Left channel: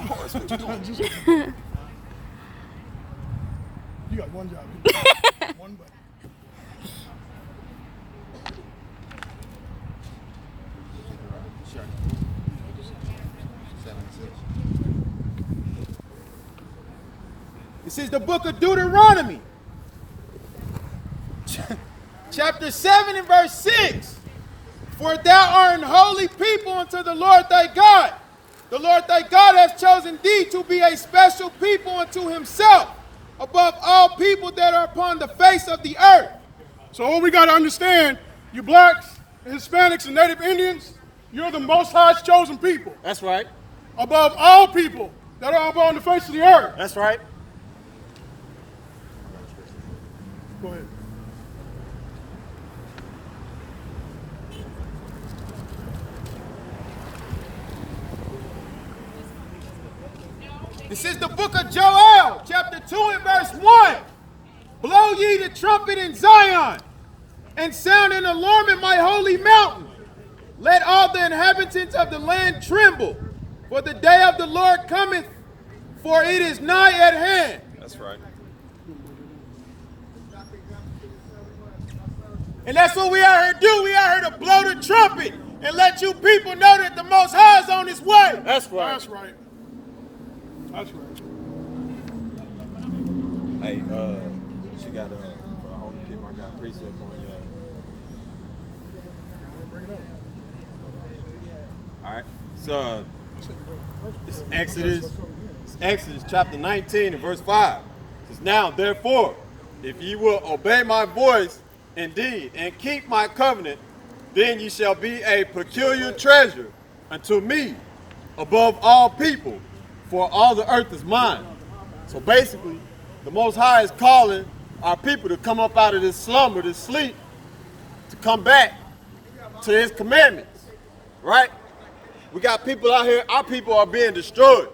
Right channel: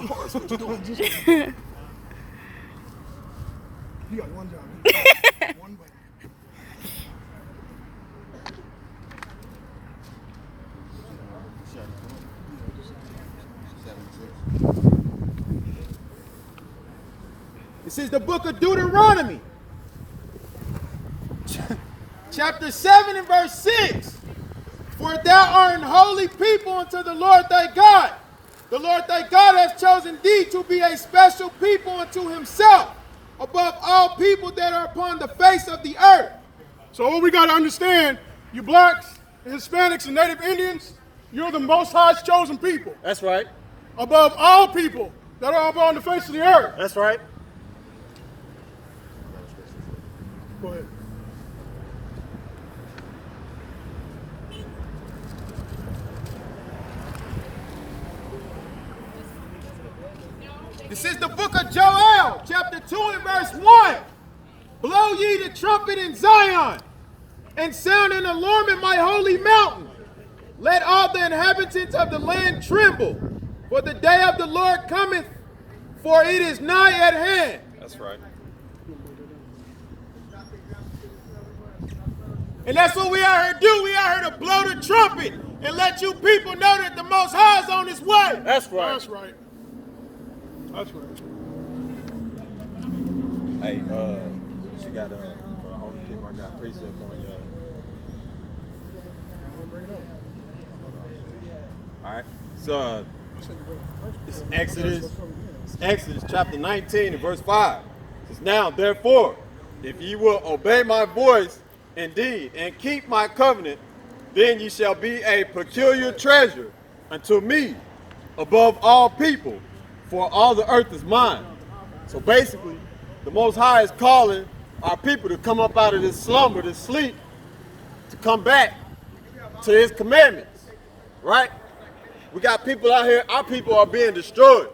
on horse. What you doing? You got one job. One bite. This is the book of Deuteronomy, chapter 7 and verse 6. For thou art an holy people unto the Lord thy God. The Lord thy God hath chosen thee to be a special people unto himself, above all people that are upon the face of the earth. So what we got to understand, you blacks, and Hispanics, and Native Indians, you're the Most High's chosen people. That's right. Above all people that are upon the face of the earth. That's right. Go ahead. This is the book of Joel, chapter 2 and verse 1. Blow ye the trumpet in Zion, and sound an alarm in my holy mountain. Let all the inhabitants of the land tremble, for the day of the Lord cometh, for it is nigh at hand. That's right. And that's what we out here do. We out here to blow the trumpet and let you people know that the Most High is on his way. That's right. That's right. That's right. Hey, she got only thing I got precept on All right. So it's Exodus chapter 19 and verse 5. It says, now therefore, if ye will obey my voice indeed and keep my covenant, then ye shall be a peculiar treasure unto me above all people, for all the earth is mine. So basically, the Most High is calling our people to come up out of this slumber, this sleep, to come back to his commandments, right? We got people out here, our people are being destroyed.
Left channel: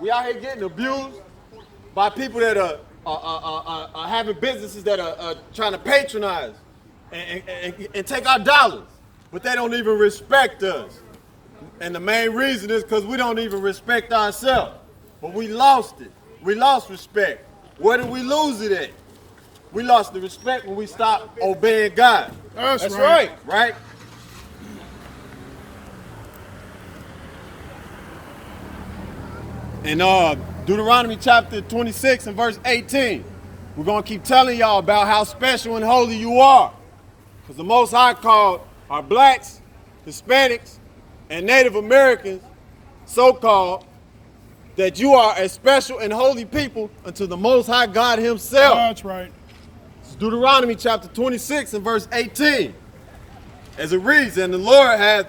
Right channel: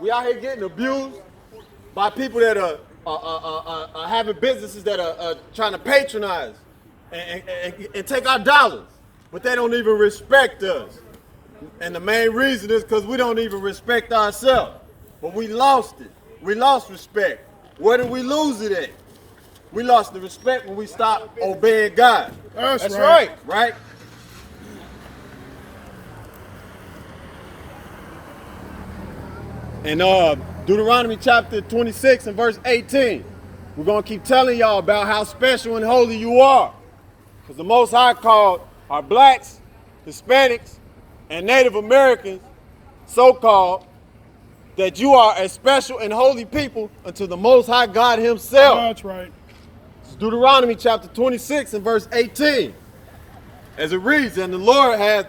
We out here getting abused by people that are having businesses that are trying to patronize and take our dollars, but they don't even respect us. And the main reason is because we don't even respect ourselves. But we lost it. We lost respect. Where did we lose it at? We lost the respect when we stopped obeying God. That's right. Right? In Deuteronomy chapter 26 and verse 18, we're going to keep telling y'all about how special and holy you are. Because the Most High called our blacks, Hispanics, and Native Americans, so-called, that you are a special and holy people unto the Most High God himself. That's right. It's Deuteronomy chapter 26 and verse 18. As it reads, and the Lord hath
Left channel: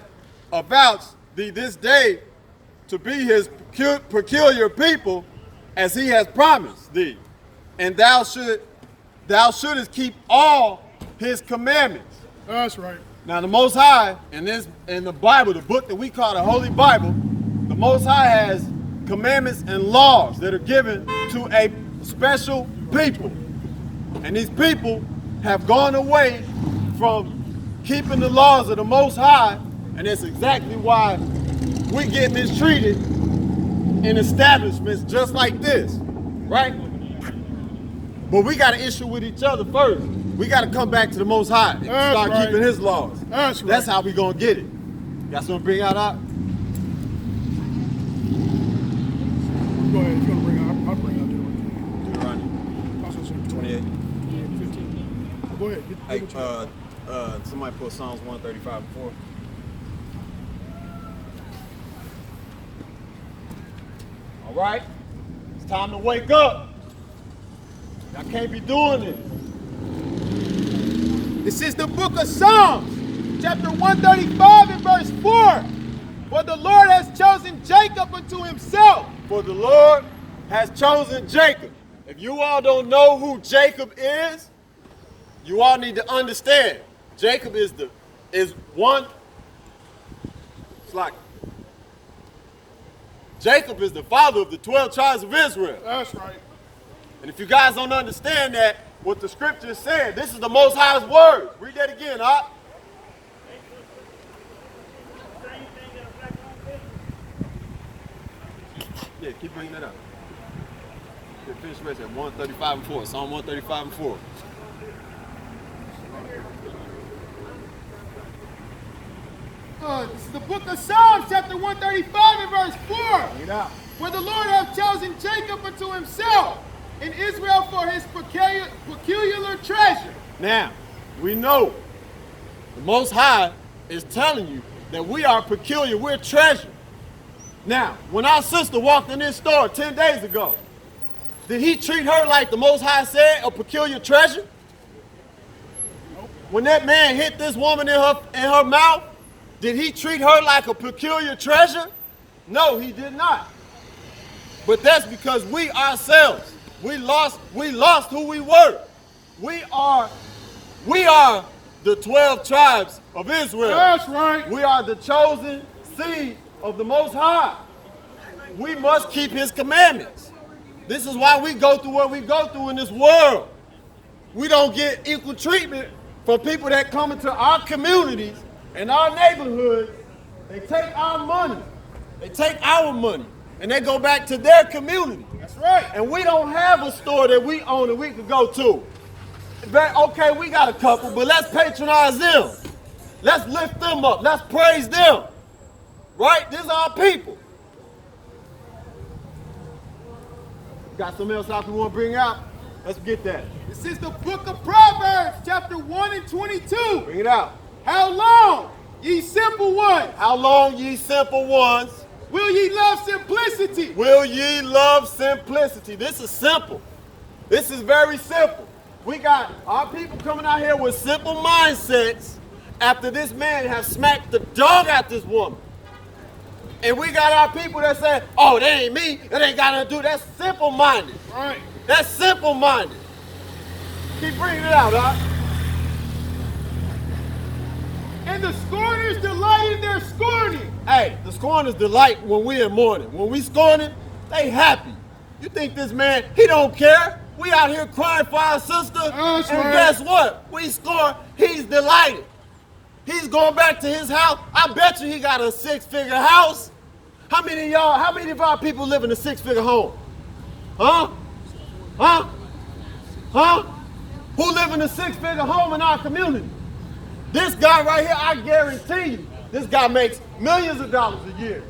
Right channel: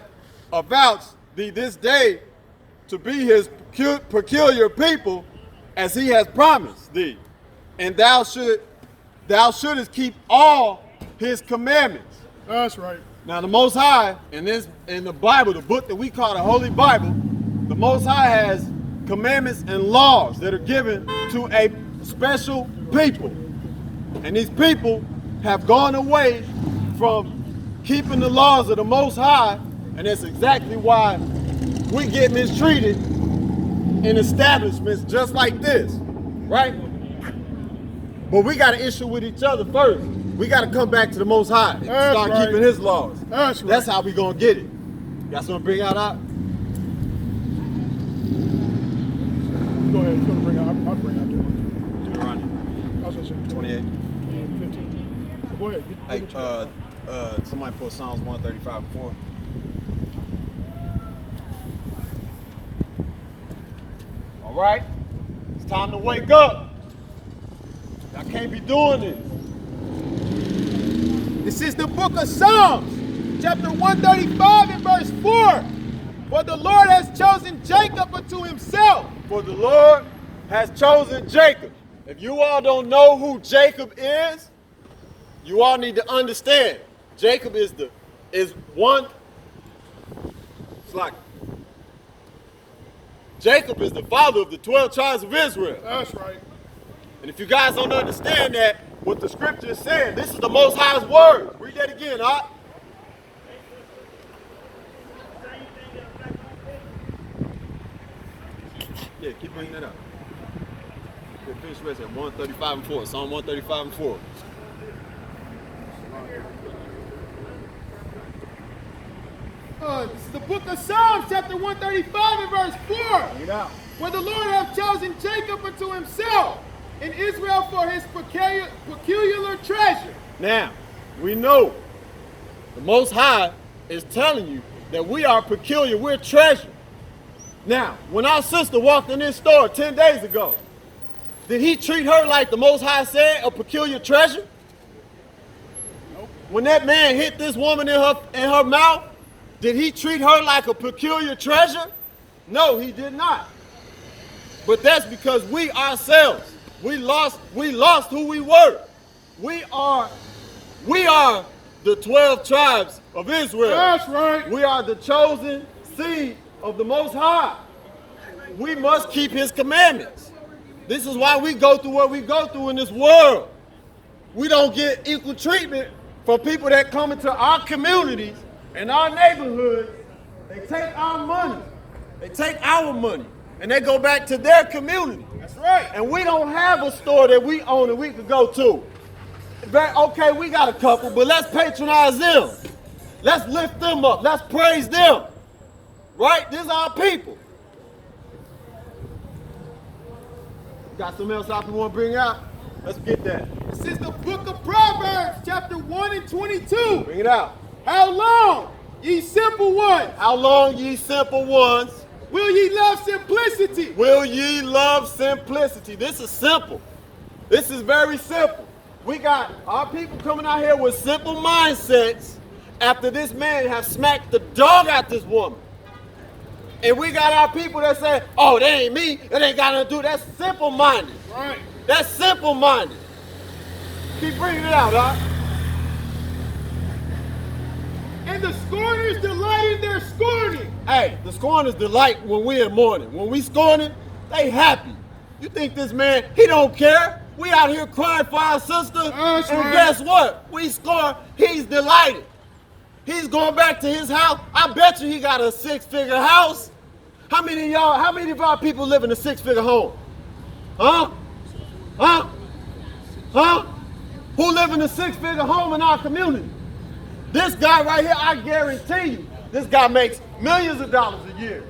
avouched thee this day to be his peculiar people, as he has promised thee. And thou shouldest keep all his commandments. That's right. Now the Most High, in the Bible, the book that we call the Holy Bible, the Most High has commandments and laws that are given to a special people. And these people have gone away from keeping the laws of the Most High, and that's exactly why we get mistreated in establishments just like this, right? But we got an issue with each other first. We got to come back to the Most High and start keeping his laws. That's how we going to get it. That's going to bring out our... Go ahead, it's going to bring out, I'll bring out there. Right. Also, 28. 15. Go ahead. Hey, somebody put Psalms 135 before. All right? It's time to wake up. I can't be doing this. This is the book of Psalms, chapter 135 and verse 4. For the Lord has chosen Jacob unto himself. For the Lord has chosen Jacob. If you all don't know who Jacob is, you all need to understand. Jacob is Jacob is the father of the 12 tribes of Israel. That's right. And if you guys don't understand that, what the scripture is saying, this is the Most High's word. Read that again, huh? Yeah, keep bringing that up. We'll finish right at 135 and 4. Psalm 135 and 4. This is the book of Psalms, chapter 135 and verse 4. Yeah. For the Lord hath chosen Jacob unto himself, and Israel for his peculiar treasure. Now, we know the Most High is telling you that we are peculiar, we're treasure. Now, when our sister walked in this store 10 days ago, did he treat her like the Most High said, a peculiar treasure? When that man hit this woman in her mouth, did he treat her like a peculiar treasure? No, he did not. But that's because we ourselves, we lost who we were. We are the 12 tribes of Israel. That's right. We are the chosen seed of the Most High. We must keep his commandments. This is why we go through what we go through in this world. We don't get equal treatment for people that come into our communities and our neighborhoods. They take our money. They take our money and they go back to their community. That's right. And we don't have a store that we own and we could go to. Okay, we got a couple, but let's patronize them. Let's lift them up. Let's praise them. Right? These are our people. Got something else I want to bring out? Let's get that. This is the book of Proverbs, chapter 1 and 22. Bring it out. How long, ye simple ones, How long, ye simple ones, will ye love simplicity? will ye love simplicity? This is simple. This is very simple. We got our people coming out here with simple mindsets after this man has smacked the dog at this woman. And we got our people that say, oh, that ain't me, that ain't got nothing to do. That's simple-minded. Right. That's simple-minded. Keep bringing it out, huh? And the scorners delight in their scorning. Hey, the scorners delight when we in mourning. When we scorning, they happy. You think this man, he don't care? We out here crying for our sister, That's and right. guess what? We score, he's delighted. He's going back to his house. I bet you he got a 6-figure house. How many of our people live in a 6-figure home? Huh? Huh? Huh? Who live in a 6-figure home in our community? This guy right here, I guarantee you, this guy makes millions of dollars a year.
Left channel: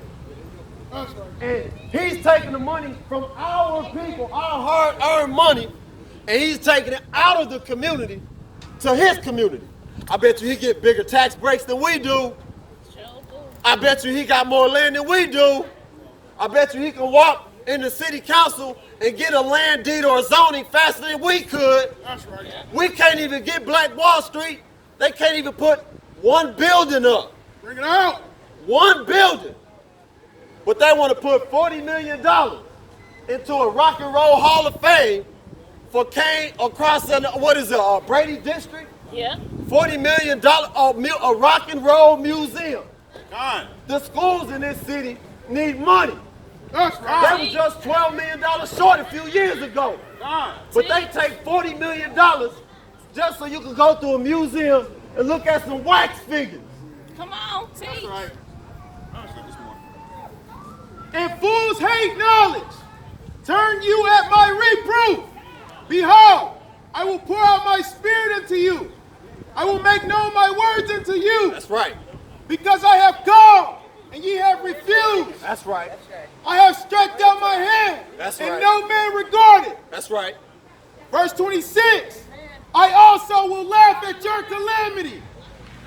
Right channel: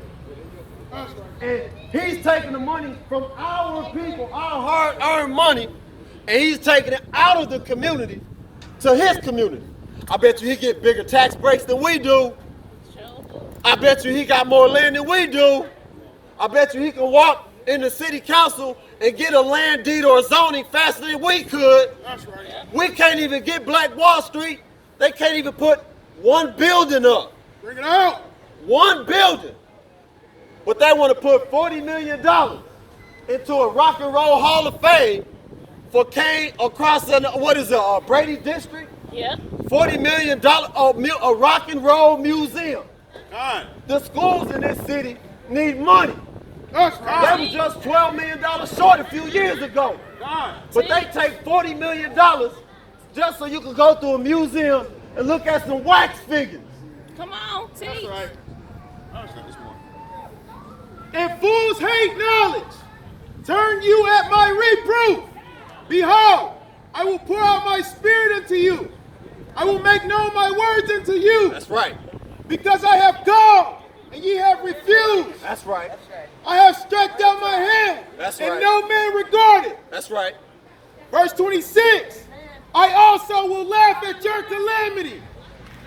That's right. And he's taking the money from our people, our hard-earned money, and he's taking it out of the community to his community. I bet you he get bigger tax breaks than we do. I bet you he got more land than we do. I bet you he can walk in the city council and get a land deed or a zoning faster than we could. That's right. We can't even get Black Wall Street. They can't even put one building up. Bring it out. One building. But they want to put $40 million into a rock and roll hall of fame for Kane across the, Brady District? Yeah. $40 million, a rock and roll museum. God. The schools in this city need money. That's They right. was just $12 million short a few years ago. God. But they take $40 million just so you can go to a museum and look at some wax figures. Come on, teach. That's right. And fools hate knowledge. Turn you at my reproof. Behold, I will pour out my spirit into you. I will make known my words unto you. That's right. Because I have called, and ye have refused. That's right. I have stretched out my hand, That's and right. no man regarded. That's right. Verse 26, I also will laugh at your calamity.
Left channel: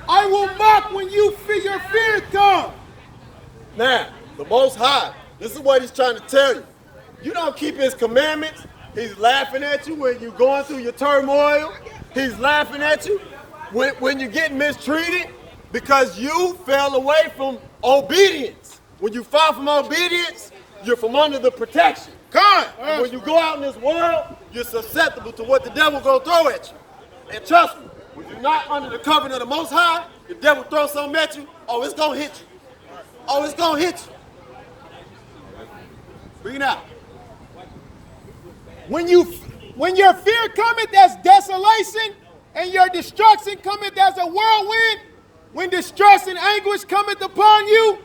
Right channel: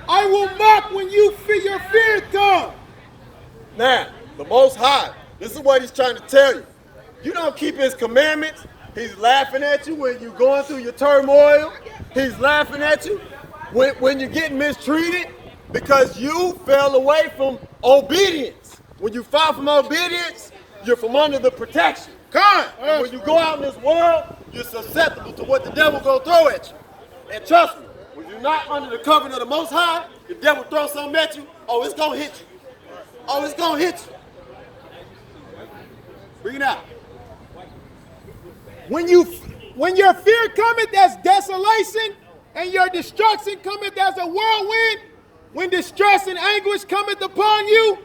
I will mock when your fear comes. Now, the Most High, this is what he's trying to tell you. You don't keep his commandments, he's laughing at you when you're going through your turmoil. He's laughing at you when you're getting mistreated because you fell away from obedience. When you fall from obedience, you're from under the protection. God. When you go out in this world, you're susceptible to what the devil gonna throw at you. And trust me, when you're not under the covering of the Most High, the devil throws something at you, oh, it's gonna hit you. Oh, it's gonna hit you. Bring it out. When your fear cometh as desolation, and your destruction cometh as a whirlwind, when distress and anguish cometh upon you,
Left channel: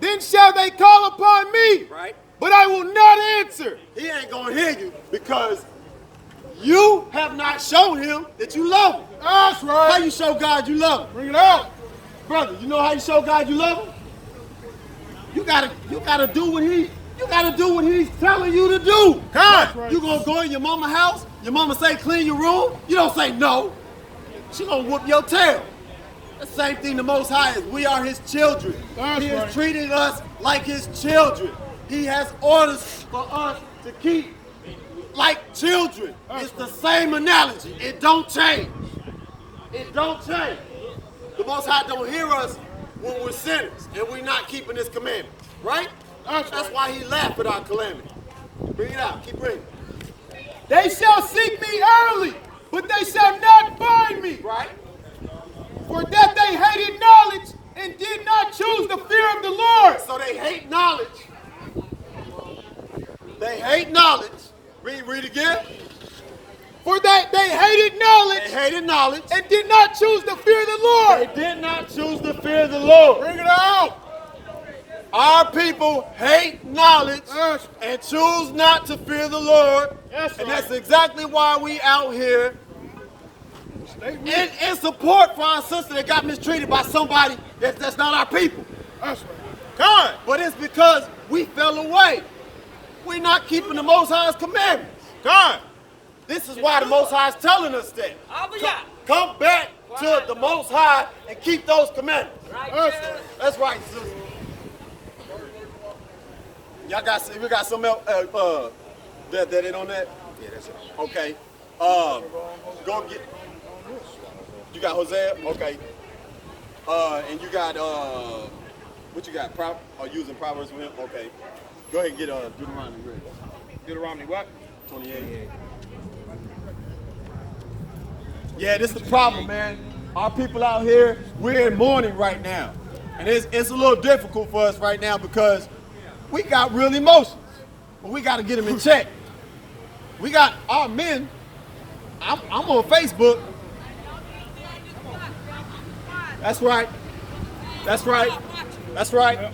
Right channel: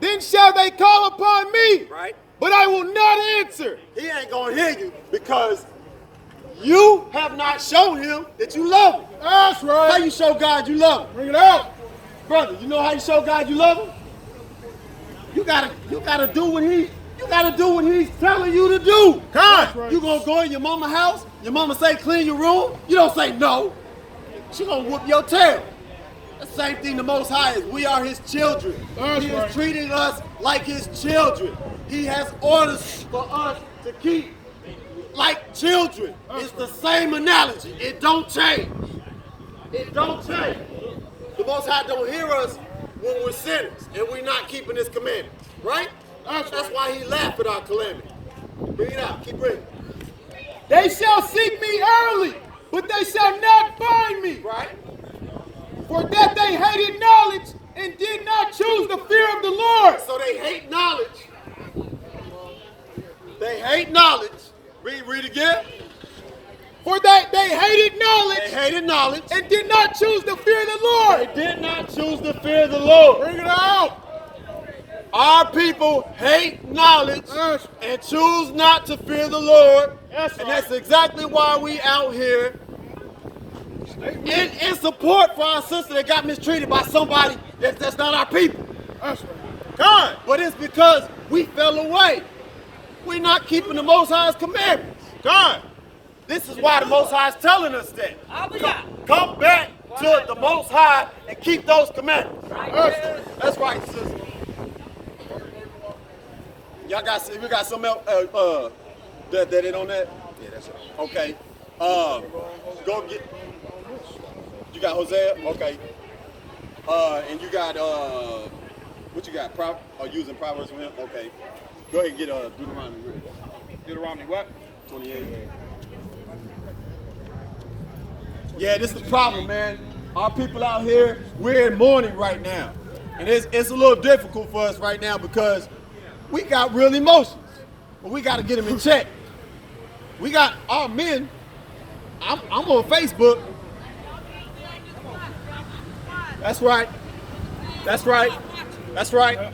then shall they call upon me, Right? but I will not answer. He ain't gonna hear you because you have not shown him that you love him. That's right. How you show God you love him? Bring it out. Brother, you know how you show God you love him? You gotta do what he's telling you to do. That's right. You gonna go in your mama's house, your mama say clean your room, you don't say no. She gonna whoop your tail. The same thing the Most High is. We are his children. That's He right. is treating us like his children. He has orders for us to keep like children. It's the same analogy. It don't change. It don't change. The Most High don't hear us when we're sinners and we're not keeping his commandments, right? That's why he laughed at our calamity. Bring it out. Keep bringing. They shall seek me early, but they shall not find me. Right? For that they hated knowledge and did not choose the fear of the Lord. So they hate knowledge. They hate knowledge. Read again. For that they hated knowledge They hated knowledge. and did not choose the fear of the Lord. They did not choose the fear of the Lord. Bring it out. Our people hate knowledge Yes. and choose not to fear the Lord. That's And right. that's exactly why we out here in support for our sister that got mistreated by somebody that's not our people. That's right. God. But it's because we fell away. We're not keeping the Most High's commandments. God. This is why the Most High is telling us that. Come back to the Most High and keep those commandments. That's right, sister. Y'all got, we got some else that it on that? Yeah, that's it. Okay. Go get. You got Hosea? Okay. And you got what you got? Using Proverbs? Okay. Go ahead and get Deuteronomy. Deuteronomy what? 28. Yeah, this is the problem, man. Our people out here, we're in mourning right now. And it's a little difficult for us right now because we got real emotions. But we got to get them in check. We got our men. I'm on Facebook. That's right. That's right. That's right.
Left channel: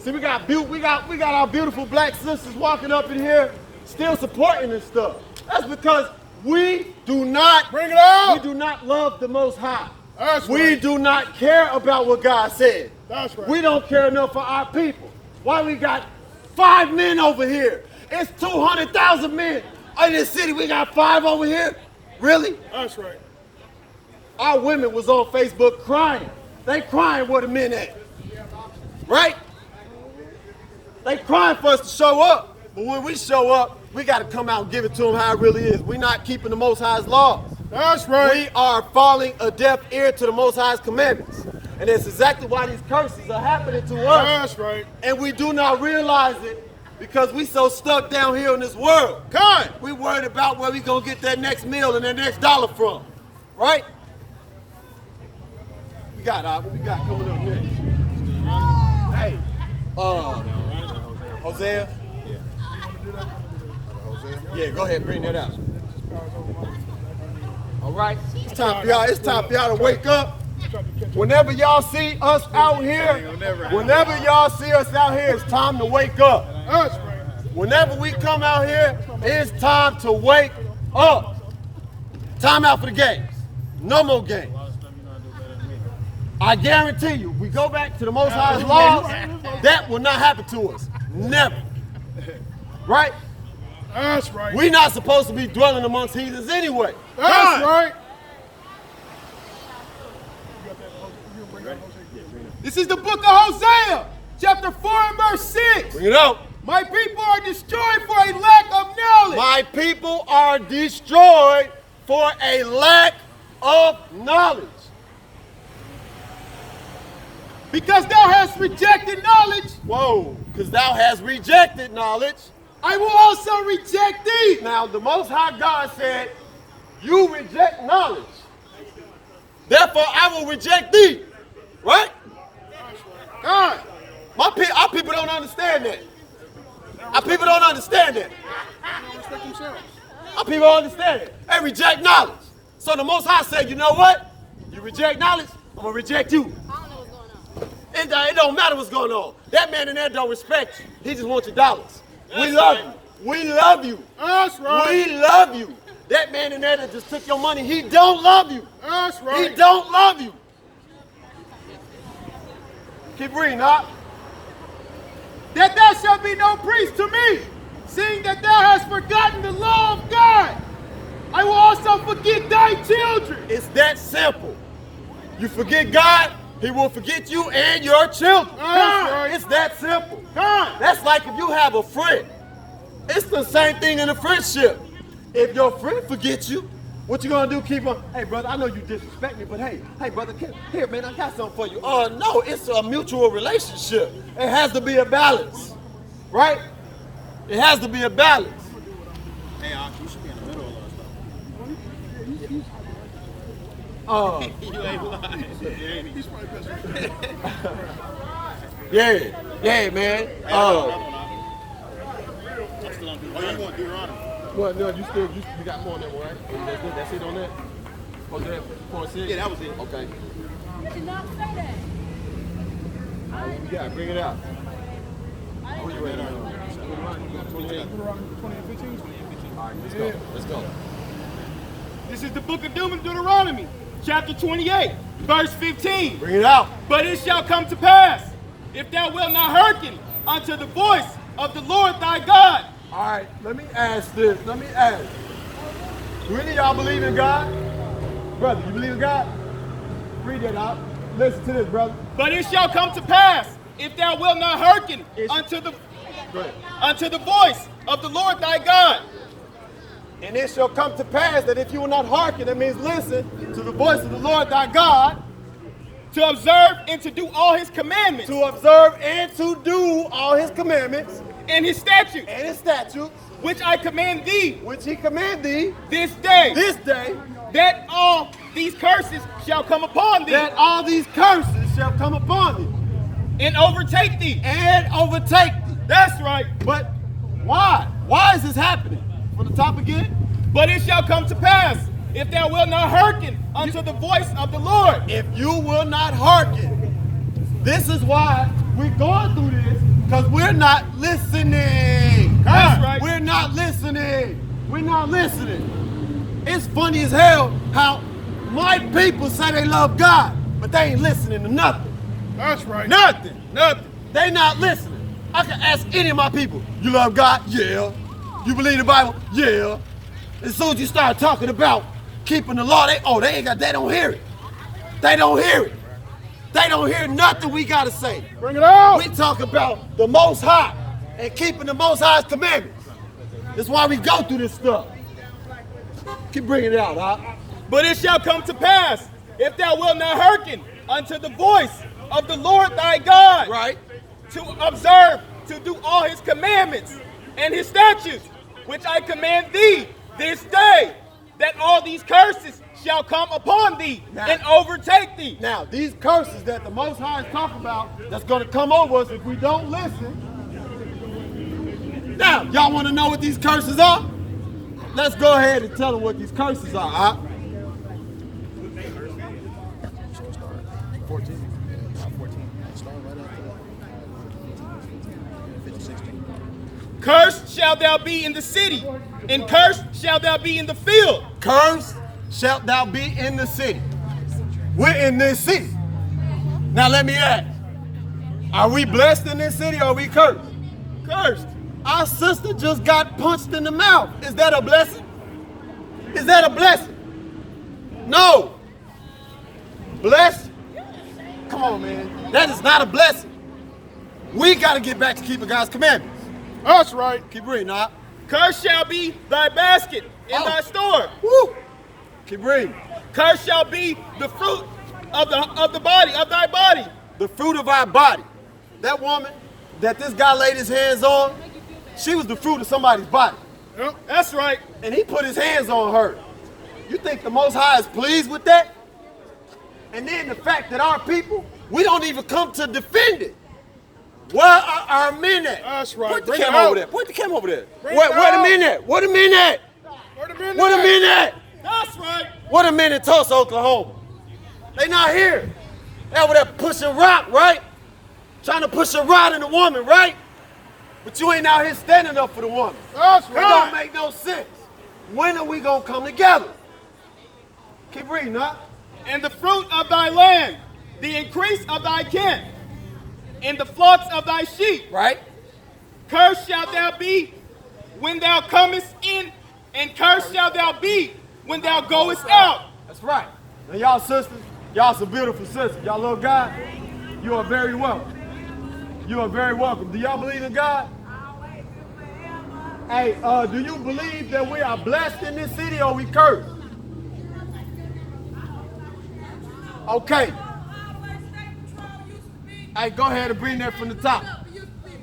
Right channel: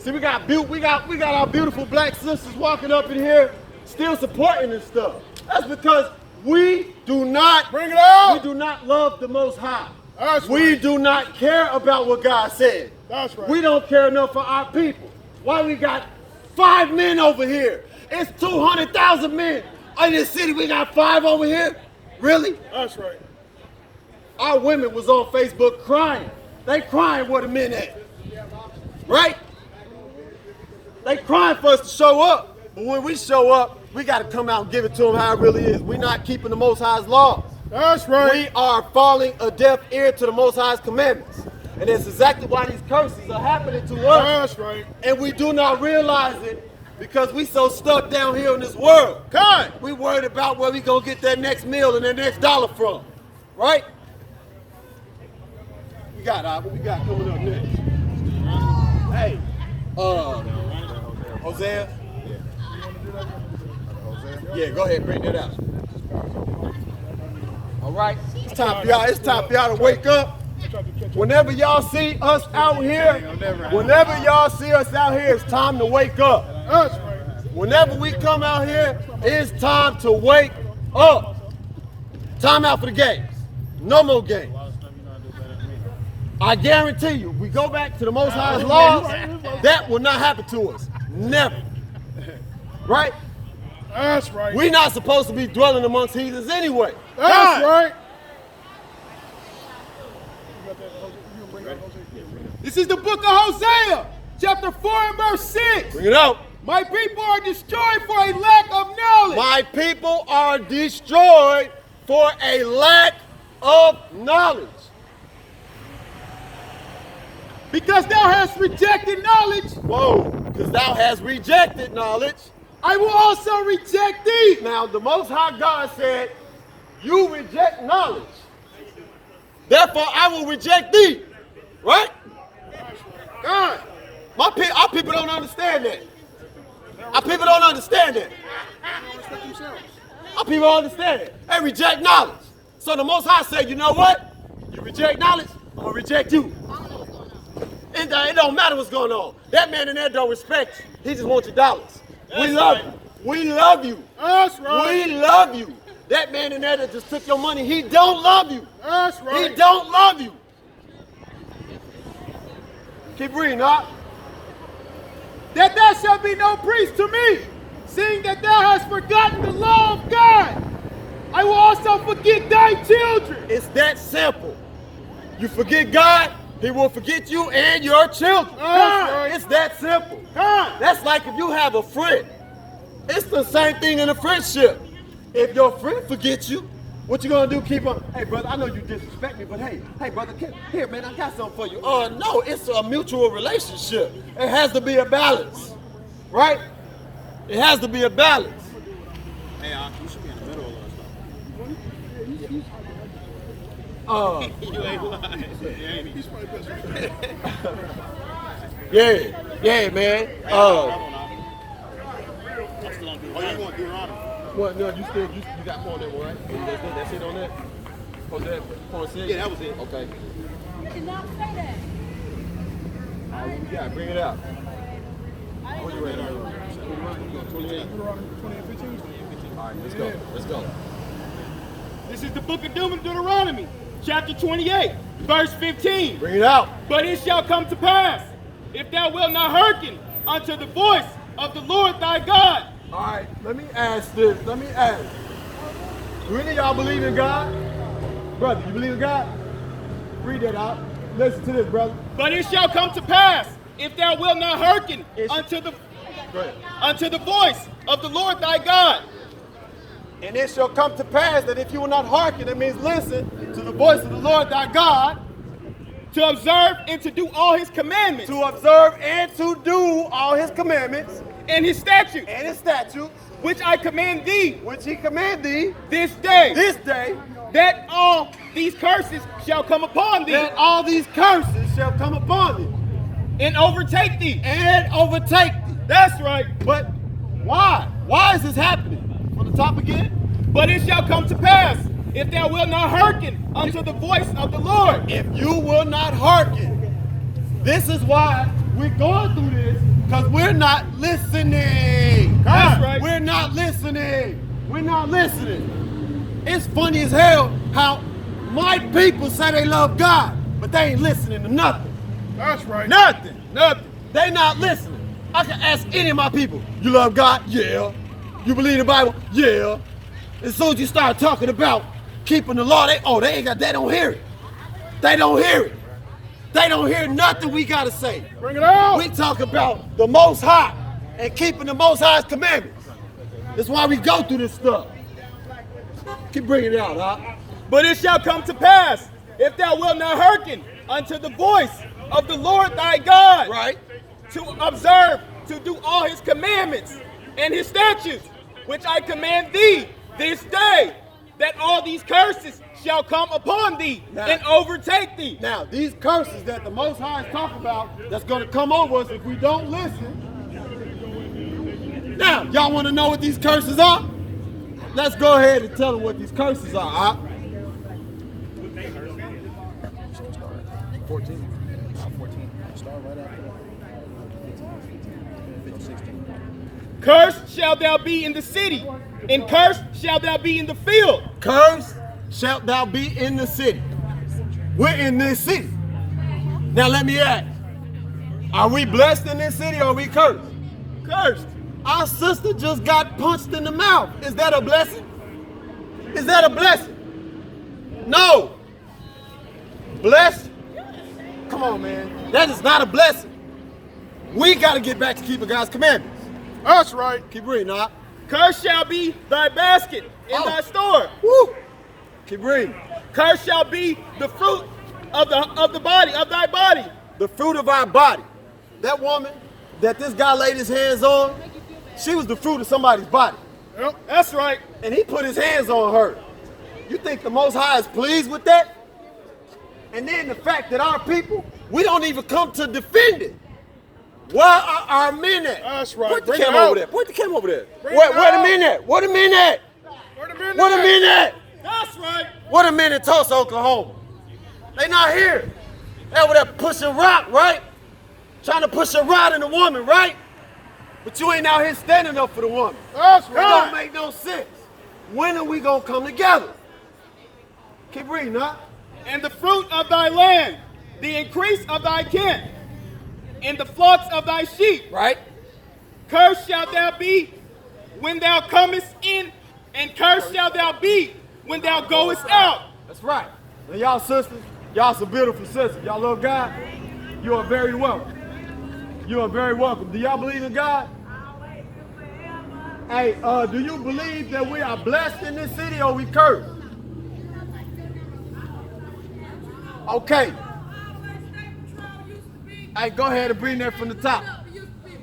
See, we got our beautiful black sisters walking up in here, still supporting this stuff. That's because we do not Bring it out. We do not love the Most High. That's We right. do not care about what God said. That's right. We don't care enough for our people. Why we got 5 men over here? It's 200,000 men in this city. We got 5 over here. Really? That's right. Our women was on Facebook crying. They crying where the men at. Right? They crying for us to show up. But when we show up, we got to come out and give it to them how it really is. We're not keeping the Most High's laws. That's right. We are falling a deaf ear to the Most High's commandments. And that's exactly why these curses are happening to us. That's right. And we do not realize it because we so stuck down here in this world. God, we worried about where we gonna get that next meal and that next dollar from, right? We got coming up next. Hey, Hosea. Yeah, go ahead, bring that out. All right, it's time for y'all. It's time for y'all to wake up. Whenever y'all see us out here, it's time to wake up. Whenever we come out here, it's time to wake up. Time out for the games. No more games. I guarantee you, we go back to the Most High's laws, that will not happen to us. Never. Right? That's right. We're not supposed to be dwelling amongst heathens anyway. That's right. This is the book of Hosea, chapter 4 and verse 6. Bring it out. My people are destroyed for a lack of knowledge. My people are destroyed for a lack of knowledge. Because thou hast rejected knowledge, Whoa, because thou hast rejected knowledge. I will also reject thee. Now, the Most High God said, you reject knowledge. Therefore, I will reject thee. Right? God, our people don't understand that. Our people don't understand that. Our people don't understand it. They reject knowledge. So the Most High said, you know what? You reject knowledge, I'm going to reject you. It don't matter what's going on. That man in there don't respect you. He just wants your dollars. We love you. We love you. That's right. We love you. That man in there that just took your money, he don't love you. That's right. He don't love you. Keep reading, Doc. That thou shalt be no priest to me, seeing that thou hast forgotten the law of God. I will also forget thy children. It's that simple. You forget God, he will forget you and your children. Right. It's that simple. God. That's like if you have a friend. It's the same thing in a friendship. If your friend forgets you, what you gonna do? Keep on, hey brother, I know you disrespect me, but hey brother, here man, I got something for you. No, it's a mutual relationship. It has to be a balance, right? It has to be a balance. Hey, you should be in the middle of all Yeah, man. Well, no, you got more on that, right? That's it on that? Oh, yeah, that was it. Okay. You cannot say that. Yeah, bring it out. I didn't know. Let's go. This is the book of Deuteronomy, chapter 28, verse 15. Bring it out. But it shall come to pass, if thou wilt not hearken unto the voice of the Lord thy God. All right, let me ask this. Do any of y'all believe in God? Brother, you believe in God? Read that out. Listen to this, brother. But it shall come to pass, if thou wilt not hearken unto the voice of the Lord thy God. And it shall come to pass that if you will not hearken, that means listen to the voice of the Lord thy God, To observe and to do all his commandments to observe and to do all his commandments and his statutes, and his statutes, which I command thee which he command thee this day, that all these curses shall come upon thee that all these curses shall come upon thee and overtake thee. and overtake thee. That's right. But why? Why is this happening? On the top again? But it shall come to pass, if thou wilt not hearken unto the voice of the Lord. If you will not hearken. This is why we're going through this, because we're not listening. That's right. We're not listening. We're not listening. It's funny as hell how my people say they love God, but they ain't listening to nothing. That's right. Nothing. They not listening. I can ask any of my people, you love God? Yeah. You believe in the Bible? Yeah. As soon as you start talking about keeping the law, they don't hear it. They don't hear it. They don't hear nothing we gotta say. Bring it out. We talk about the Most High and keeping the Most High's commandments. That's why we go through this stuff. Keep bringing it out, huh? But it shall come to pass, if thou wilt not hearken unto the voice of the Lord thy God, Right. to observe, to do all his commandments and his statutes, which I command thee this day, that all these curses shall come upon thee and overtake thee. Now, these curses that the Most High is talking about, that's going to come over us if we don't listen. Now, y'all want to know what these curses are? Let's go ahead and tell them what these curses are. Huh? 14. Cursed shalt thou be in the city, and cursed shalt thou be in the field. Cursed shalt thou be in the city. We're in this city. Now let me ask, are we blessed in this city or are we cursed? Cursed. Our sister just got punched in the mouth. Is that a blessing? Is that a blessing? No. Blessed? Come on, man. That is not a blessing. We got to get back to keeping God's commandments. That's right. Keep reading, huh? Cursed shall be thy basket in thy store. Woo. Keep reading. Cursed shall be the fruit of the body, of thy body. The fruit of our body. That woman that this guy laid his hands on, she was the fruit of somebody's body. Yep, that's right. And he put his hands on her. You think the Most High is pleased with that? And then the fact that our people, we don't even come to defend it. Where are our men at? That's right. Put the Bring it camera over out. there. Put the camera over there. Bring Where it the out. men at? Where the men at? Where the men Where the at? men at? That's right. Where the men in Tulsa, Oklahoma? They not here. They over there pushing rock, right? trying to push a rod in the woman, right? But you ain't out here standing up for the woman. That's That don't right. make no sense. When are we gonna come together? Keep reading, huh? And the fruit of thy land, the increase of thy kin, and the flocks of thy sheep. Right? Cursed shalt thou be when thou comest in, and cursed shalt thou be when thou goest out. That's right. And y'all sisters, y'all some beautiful sisters. Y'all love God. You are very welcome. You are very welcome. Do y'all believe in God? Hey, do you believe that we are blessed in this city or we cursed? Okay. Hey, go ahead and bring that from the top.